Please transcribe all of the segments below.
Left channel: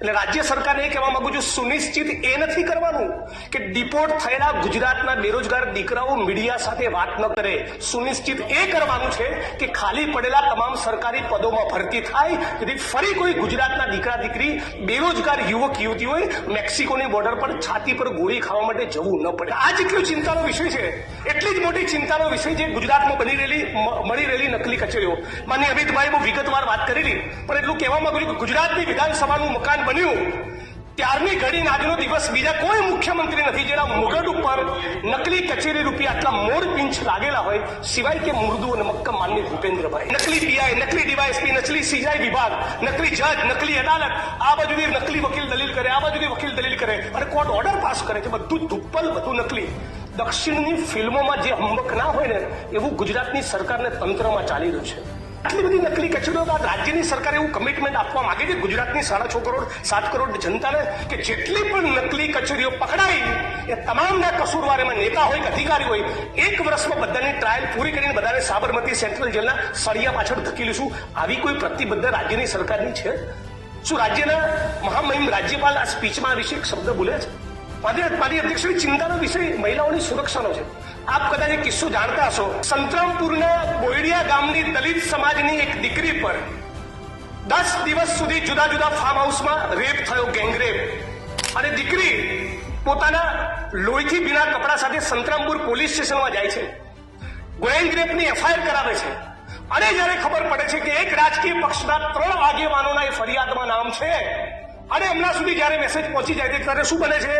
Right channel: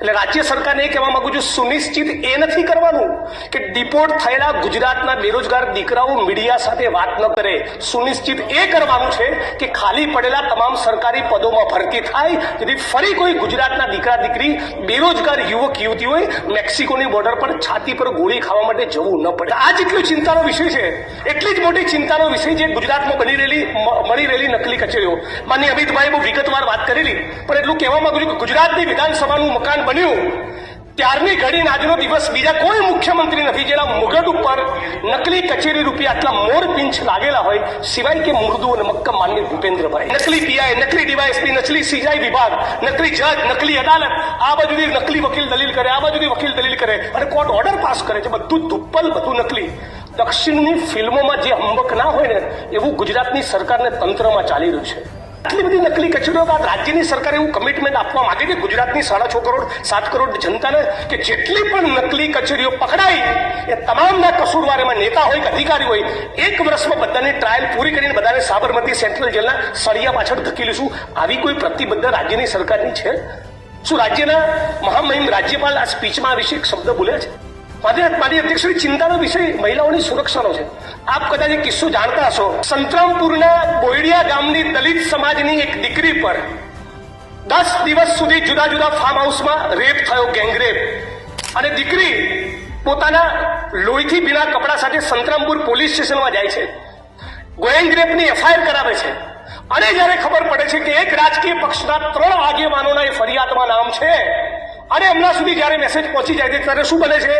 એટલે રાજ્ય સરકારને એ કહેવા માંગુ છું, સુનિશ્ચિત એ નથી કરવાનું કે ડિપોર્ટ થયેલા ગુજરાતના બેરોજગાર દીકરાઓ મીડિયા સાથે વાત ન કરે. સુનિશ્ચિત એ કરવાનું છે કે ખાલી પડેલા તમામ સરકારી પદોમાં ભરતી થાય, જેથી ફરી કોઈ ગુજરાતના દીકરા દીકરી બેરોજગાર યુવક યુવતીઓએ મેક્સિકોની બોર્ડર પર છાતી પર ગોળી ખાવા માટે જવું ન પડે. આ જેટલો ચિંતાનો વિષય છે, એટલી જ મોટી ચિંતાનો વિષય છે ગુજરાતમાં મળી રહેલી નકલી કચેરીઓ. માનનીય અમિતભાઈ બહુ વિગતવાર વાત કરેલી, પણ એટલું કહેવા માંગુ છું કે ગુજરાતની વિધાનસભાનું મકાન બન્યું ત્યારની ઘડીને આજનો દિવસ બીજા કોઈ મુખ્યમંત્રી નથી જેના મુગટ ઉપર નકલી કચેરી રૂપિયા આટલા મોર પિંચ લાગેલા હોય, સિવાય કે મૃદુ અને મક્કમ માનનીય ભૂપેન્દ્રભાઈ. નકલી પીઆઈ, નકલી ડીવાયએસપી, નકલી સીઆઈ વિભાગ, નકલી જજ, નકલી અદાલત, આ બાજુથી નકલી વકીલ દલીલ કરે, આ બાજુથી વકીલ દલીલ કરે અને કોર્ટ ઓર્ડર પાસ કરે છે. બધું ધુપ્પલ, બધું નકલી. દક્ષિણની ફિલ્મોમાં જે હંબક ના હોય ને એવું ગુજરાતની સરકારને તંત્રમાં ચાલી રહ્યું છે. આટલી બધી નકલી કચેરીઓ બાદ રાજ્યની સરકાર એવું કમિટમેન્ટ આપવા માંગે છે ગુજરાતની 6.5 કરોડ 7 કરોડ જનતાને કે જેટલી પણ નકલી કચેરીઓ પકડાઈ એ તમામના કસૂરવાર, એમાં નેતા હોય કે અધિકારી હોય, 1 વર્ષમાં બધાની ટ્રાયલ પૂરી કરીને બધાને સાબરમતી સેન્ટ્રલ જેલના સળિયા પાછળ ધકેલીશું. આવી કોઈ પ્રતિબદ્ધતા રાજ્યની સરકારની છે? શું રાજ્યના મહામહિમ રાજ્યપાલ આ સ્પીચમાં આ વિશે એક શબ્દ બોલ્યા છે? મારી અધ્યક્ષની ચિંતાનો વિષય મહિલાઓની સુરક્ષાનો છે. આપ કદાચ એક કિસ્સો જાણતા હશો. સંતરામપુરના બોયડિયા ગામની દલિત સમાજની એક દીકરી પર 10 દિવસ સુધી જુદા જુદા ફાર્મ હાઉસમાં રેપ થયો, ગેંગરેપ. અને દીકરી પોતાના લોહીથી ભીના કપડા સાથે સંતરામપુર પોલીસ સ્ટેશનમાં જાય છે, ગેંગરેપની એફઆઈઆર કરાવે છે. અને જયારે ખબર પડે છે કે એક રાજકીય પક્ષના 3 આગેવાનોના એ ફરિયાદમાં નામ છે અને હમણાં સુધી જયારે મેસેજ પહોંચી જાય છે ત્યારે શું બને છે?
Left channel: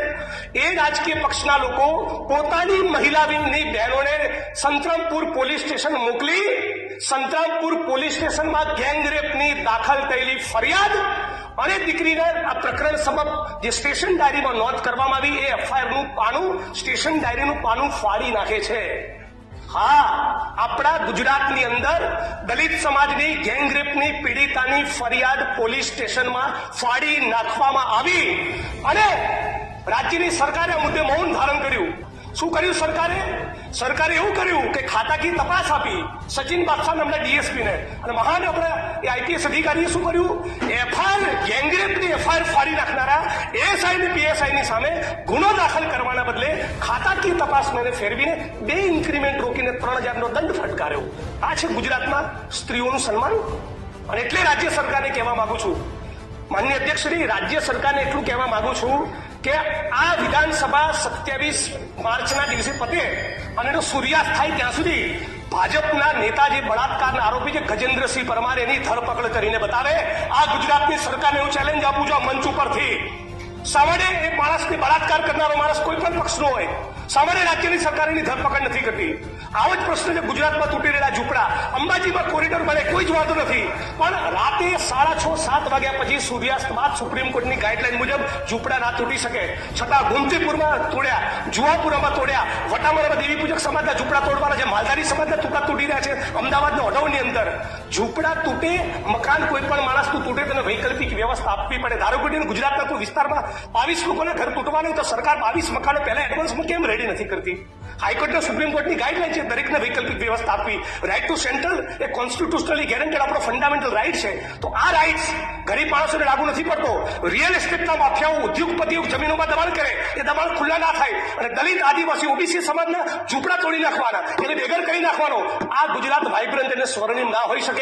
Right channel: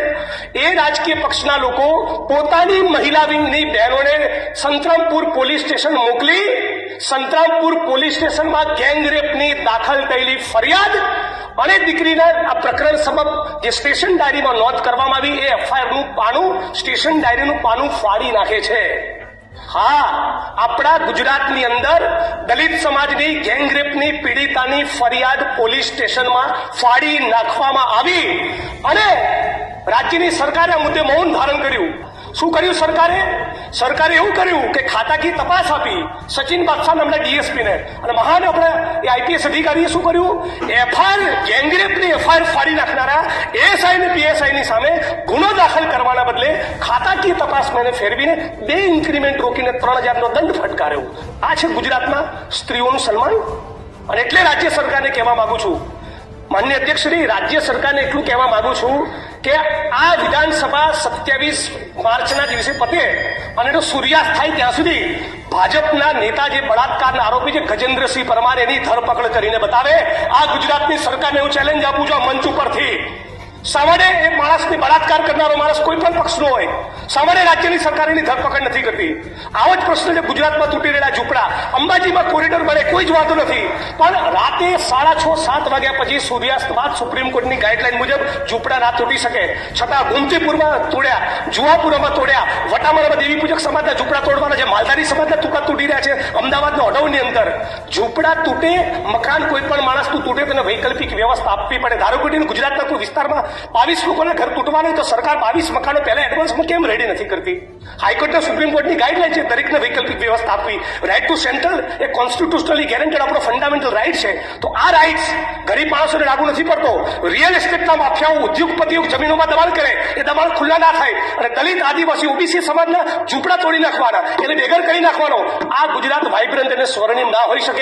એ રાજકીય પક્ષના લોકો પોતાની મહિલા વિંગની બહેનોને સંતરામપુર પોલીસ સ્ટેશન મોકલી સંતરામપુર પોલીસ સ્ટેશનમાં ગેંગરેપની દાખલ થયેલી ફરિયાદ અને દીકરીના આ પ્રકરણ સબબ જે સ્ટેશન ડાયરીમાં નોંધ કરવામાં આવી એ એફઆઈઆરનું પાનું, સ્ટેશન ડાયરીનું પાનું ફાડી નાખે છે. હા, આપણા ગુજરાતની અંદર દલિત સમાજની ગેંગરેપની પીડિતાની ફરિયાદ પોલીસ સ્ટેશનમાં ફાડી નાખવામાં આવી અને રાજ્યની સરકારે આ મુદ્દે મૌન ધારણ કર્યું. શું કર્યું સરકારે? સરકારે એવું કર્યું કે ખાતાકીય તપાસ આપી સચિન બાદશાહ નામના ડીએસપીને, અને મહાન આપણા એ આઈપીએસ અધિકારીએ શું કર્યું? એફઆઈઆર, ગેંગરેપની એફઆઈઆર ફાડી નાખનારા એએસઆઈ અને પીએસઆઈની સામે ગુનો દાખલ કરવાના બદલે ખાતાકીય તપાસ મેને ફેરવીને 2 ઇન્ક્રીમેન્ટ રોકીને 3000નો દંડ ફટકાર્યો. આ છે ગુજરાતમાં સ્ત્રીઓનું સન્માન. અને એટલે રાજ્ય સરકારને કહેવા માંગુ છું, માનનીય અધ્યક્ષશ્રી, રાજ્ય સરકારને એટલું કહેવા માંગુ છું કે આ વિધાનસભા 27 માર્ચના દિવસે પતે અને એનો સૂર્યાસ્ત થાય ત્યાં સુધી ભાજપના નેતા જે બળાત્કારના આરોપી છે ગજેન્દ્રસિંહ પરમાર, એની ધરપકડ કરીને બતાવે. આ ગુજરાતની સરકારને હું ચેલેન્જ આપું છું આ મંચ ઉપરથી. સામાન્ય એ માણસને બળાત્કાર કરનારો માણસ કોઈ પણ પક્ષનો હોય, સામાન્ય રાજ્યની સરકાર એની ધરપકડ નથી કરતી. આવો જ પ્રશ્ન છે ગુજરાતમાં તૂટી રહેલા ઝૂંપડા. અંબાજીમાં કોરિડોર બને, કોઈ જ વાંધો નથી, પણ રાતે 6:30 7 વાગ્યા પછી સૂર્યાસ્ત બાદ સુપ્રીમ કોર્ટની ગાઈડલાઈન મુજબ ઝૂંપડા ના તૂટી શકે. છતાં ગોમતીપુરમાં તોડ્યા, જુહાપુરામાં તોડ્યા, વટામરામાં દેવી પૂજક સમાજના ઝૂંપડા તોડવાના છે, માલધારી સમાજના ટુકડા તૂટી રહ્યા છે. અમદાવાદના ઓઢવની અંદર ઝૂંપડા તૂટે, મકાન કોઈ પણ માણસનું તૂટે તેને વૈકલ્પિક વ્યવસ્થા આપવી પડે. ધારો કે ગુજરાતના કોઈ વિસ્તારમાં 22 લોકોના ઘર તૂટવા નહીં તો સરકાર 22 મકાનો પહેલા એડવાન્સમાં કેમ રેડી નથી કરતી? હાઈકોર્ટના સુપ્રીમ કોર્ટની ગાઈડલાઈન છે દરેકને વૈકલ્પિક વ્યવસ્થા આપવી. રાઇટ ટુ સેન્ટ્રલ એ કોન્સ્ટિટ્યુશનલી ગેરંટેડ આપણો ફંડામેન્ટલ રાઇટ છે. તો આ રાઇટ્સ ગરીબ માણસોને લાગુ નથી પડતો. રિયલ એસ્ટેટના માફિયાઓ, ઉદ્યોગપતિઓ જમીનોમાં દબાણ કરે, એ દબાણ ખુલ્લા ના થાય અને દલિત, આદિવાસી, ઓબીસી સમાજના ઝૂંપડા તોડી નાખવાના, એને બેઘર કરી નાખવાનો. આ ગુજરાત વાઇબ્રન્ટ અને સ્વર્ણિમ ના હોઈ શકે.